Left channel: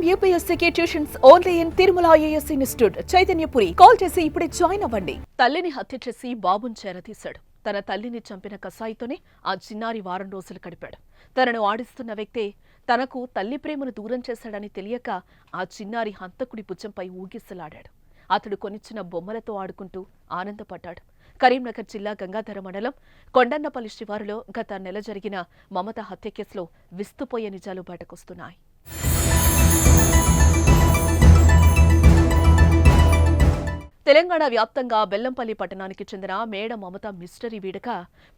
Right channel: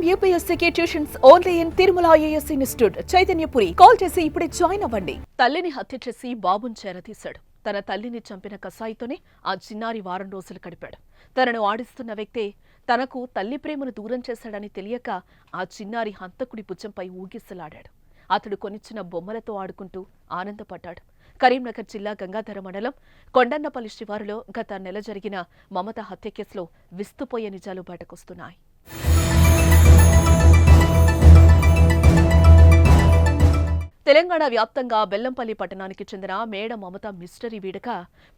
IIM UPSC tuitions only in Tirumala IAS institute Chaitanyapuri. Call చేసి ఇప్పుడే join అవ్వండి. తల్లిని హత్య చేసి బాబుని చేరతీశాడు. తన తల్లిని చంపిన కసాయితోనే ఆ చిన్నారి వారం రోజులు గడిపాడు. తనను ఆడిస్తున్న వ్యక్తే తనకు తల్లి ప్రేమను దూరం చేశాడని తెలియక ఆ చిన్నారి హంతకుడి భుజంపై ఊగిసలాడాడు. అతడు కొనిచ్చిన బొమ్మలతో ఆడుకుంటూ ఆనందపడ్డాడు. కరీంనగర్ జిల్లా గంగాధర మండలం కొండన్నపల్లి శివారులో గత నెల జరిగిన మమత హత్య కేసులో విస్తుపోయే నిజాలు బయటకొస్తున్నాయి. తెలంగాణ వ్యాప్తంగా బెల్లంపల్లి పట్టణానికి చెందిన మేడ మమత మిస్టరీ వీడక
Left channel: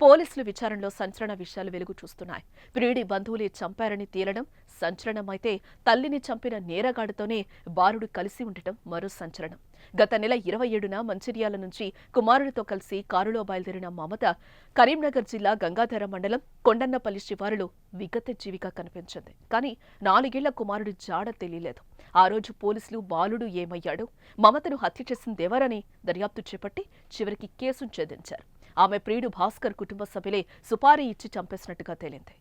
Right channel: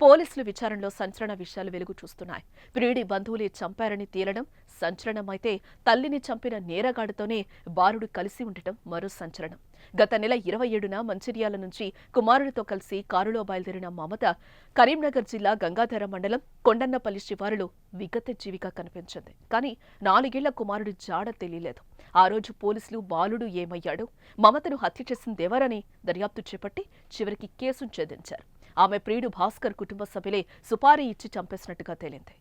పోలీసులు విచారణలో సంచలన విషయాలు వెలుగు చూస్తున్నాయి. ప్రియుడి బంధువులే చంపారని తేలడం సంచలనమైతే తల్లిని చంపిన నేరగాడితోనే బాలుడు కలిసి ఉండటం మరో సంచలనం. గత నెల 27న మంచిర్యాల నుంచి కుమారుడితో కలిసి కారులో బయలుదేరిన మమత కరీంనగర్ జిల్లా గంగాధర మండలం కొండన్నపల్లి శివారులో విగత జీవిగా కనిపించింది. కానీ 4 ఏళ్ల కుమారుడి జాడ తెలియలేదు. ఆ రోజు పోలీసులు బాలుడు ఏమయ్యాడు, మమతను హత్య చేసిందెవరని దర్యాప్తు చేపట్టి చివరికి కేసును ఛేదించారు. ఆమె ప్రియుడు భాస్కర్ కుటుంబ సభ్యులే సుపారీ ఇచ్చి చంపేసినట్టుగా తేలింది.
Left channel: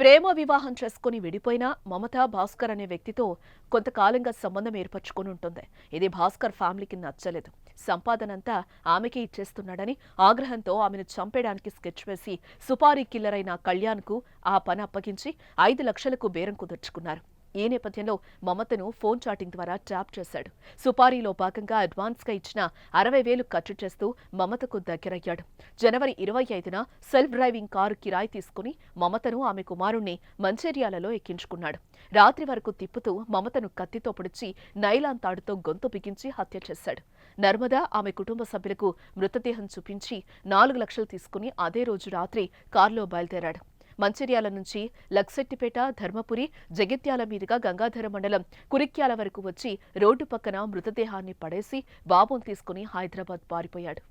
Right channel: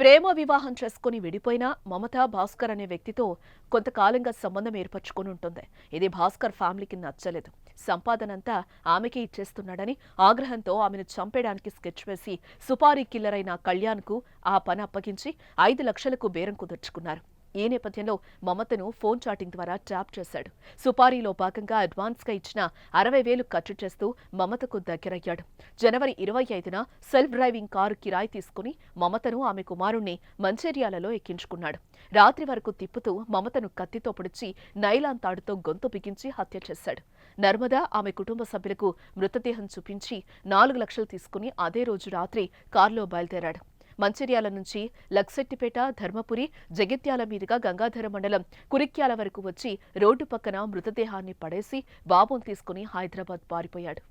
ప్రేమ వివాహం చేసుకుని విడిపోయినా మమత భాస్కర్ అనే వ్యక్తితో కొంతకాలంగా సంబంధం ఏర్పరచుకుని ఉంటుంది. ఇది భాస్కర్ ఫ్యామిలీకి నచ్చలేదు. సంపాదనంతా ఆమెకే ఇచ్చేస్తున్నాడని ఆగ్రహంతో ఆమెను చంపేయడానికి స్కెచ్ వేసి సుపారీ కిల్లర్ అయిన కళ్యాణ్కు ఆ పని అప్పగించి 5 లక్షలకు బేరం కుదుర్చుకున్నారు. ఈ నేపథ్యంలో మమతను ఫోన్ చాటింగ్ ద్వారా ట్యాప్ చేశాడు. సుపారీలో భాగంగా అడ్వాన్స్గా ఇచ్చిన 60,000 ఖర్చు చేస్తూ మమతకు దగ్గరయ్యాడు. జనవరి 25న సెల్ఫ్ డ్రైవింగ్ కారు కిరాయి తీసుకుని మమతను ఆమె కుమారుణ్ణి మంచిర్యాలలో ఎక్కించుకున్నాడు. రాత్రి వరకు తిప్పుతూ మమతను కత్తితో పొడిచి నైలాన్ తాడుతో గొంతు బిగించి హత్య చేశాడు. నర్మదా ఆమె కుటుంబ సభ్యులకు మృతదేహం చూపించి 4 లక్షలు తీసుకుని అదే రోజు రాత్రి కారులో బయలుదేరాడు. మంచిర్యాల నుంచి లక్సెట్టిపేట, ధర్మపురి, జగిత్యాల మీదుగా గంగాధర మండలం కురిక్యాల వరకు వచ్చి రోడ్డు పక్కన మృతదేహాన్ని పడేసి బాబును తీసుకుని హైదరాబాద్ పారిపోయాడు.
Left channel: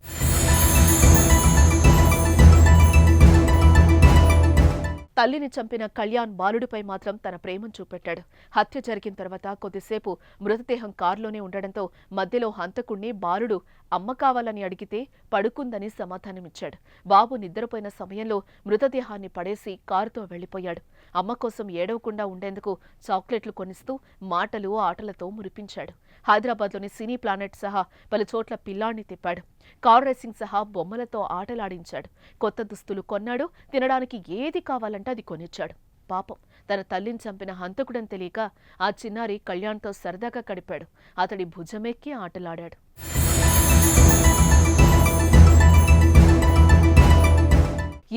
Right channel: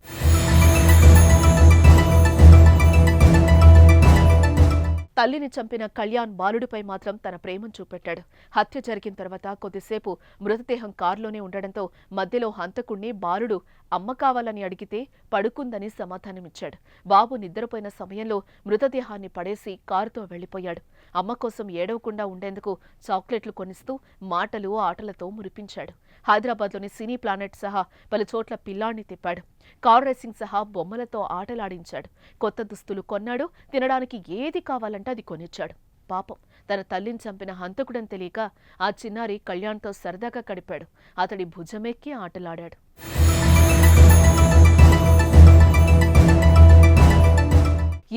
తల్లిని చంపిన కళ్యాణ్ బాలుడిపై మాత్రం తన ప్రేమను చూపెట్టాడు. హత్య జరిగిన తర్వాత కొద్దిసేపు మృతదేహం కారులోనే ఉండడంతో మధ్యలో హంతకుణ్ణి బాలుడు అమ్మ కావాలని అడిగితే పడుకుందని సమాధానమిచ్చాడు. బాబు నిద్రపోయిన సమయంలో మృతదేహాన్ని పడేసి కారుతో వెళ్లిపోయాడు. అమ్మ కోసం ఏడవకుండా ఉండేందుకు చాక్లెట్లు కొనిస్తూ మాటలు ఆటలతో మురిపించాడు. హైదరాబాద్లోని సినీ ప్లానెట్ సహా పలు చోట్ల పిల్లాన్ని తిప్పాడు. కార్ రేసింగ్ సహా బొమ్మలతో ఆటలాడించాడు. కొత్త దుస్తులు కొన్నాడు. తినడానికి ఏది కావాలంటే అది కొనిచ్చాడు. పాపం తన తల్లిని చంపిన హంతకుడని తెలియక ఆ చిన్నారి కళ్యాణ్తో సరదాగా గడిపాడు. అతడి భుజమెక్కి ఆటలాడాడు.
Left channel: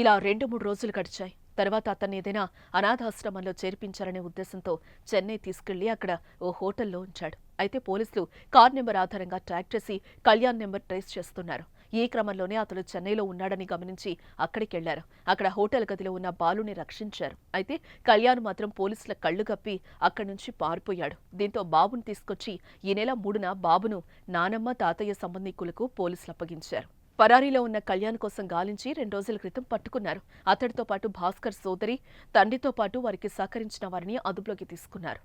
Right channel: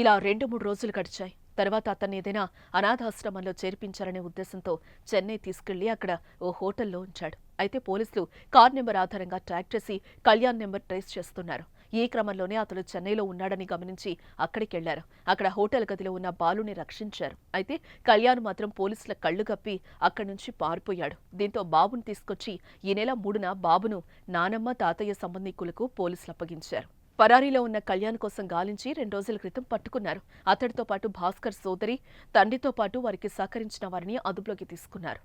ఇలా 2-3 రోజులు గడిచాయి. తర్వాత అతన్ని ఏదైనా అనాథాశ్రమంలో చేర్పించాలనే ఉద్దేశంతో చెన్నై తీసుకెళ్లి అక్కడ ఓ హోటల్లో ఉంచాడు. అయితే పోలీసులు కార్ నెంబర్ ఆధారంగా ట్రాక్ చేసి కళ్యాణ్ నెంబర్ ట్రేస్ చేస్తున్నారు. ఈ క్రమంలోనే అతడు చెన్నైలో ఉన్నాడని గమనించి అక్కడికెళ్లారు. అక్కడ హోటల్ గదిలో ఉన్న బాలుని రక్షించారు. అయితే కళ్యాణ్ మాత్రం పోలీసుల కళ్లు కప్పి అక్కడి నుంచి పారిపోయాడు. దీంతో బాబును తీసుకొచ్చి ఈ నెల 3న బాబును నానమ్మ, తాతయ్య సంబంధికులకు పోలీసులు అప్పగించారు. పరారీలో ఉన్న కళ్యాణ్ కోసం గాలించి 2 రోజుల క్రితం పట్టుకున్నారు. అతడితో పాటు భాస్కర్ సోదరి, తండ్రితో పాటు వారికి సహకరించిన వారిని అదుపులోకి తీసుకున్నారు.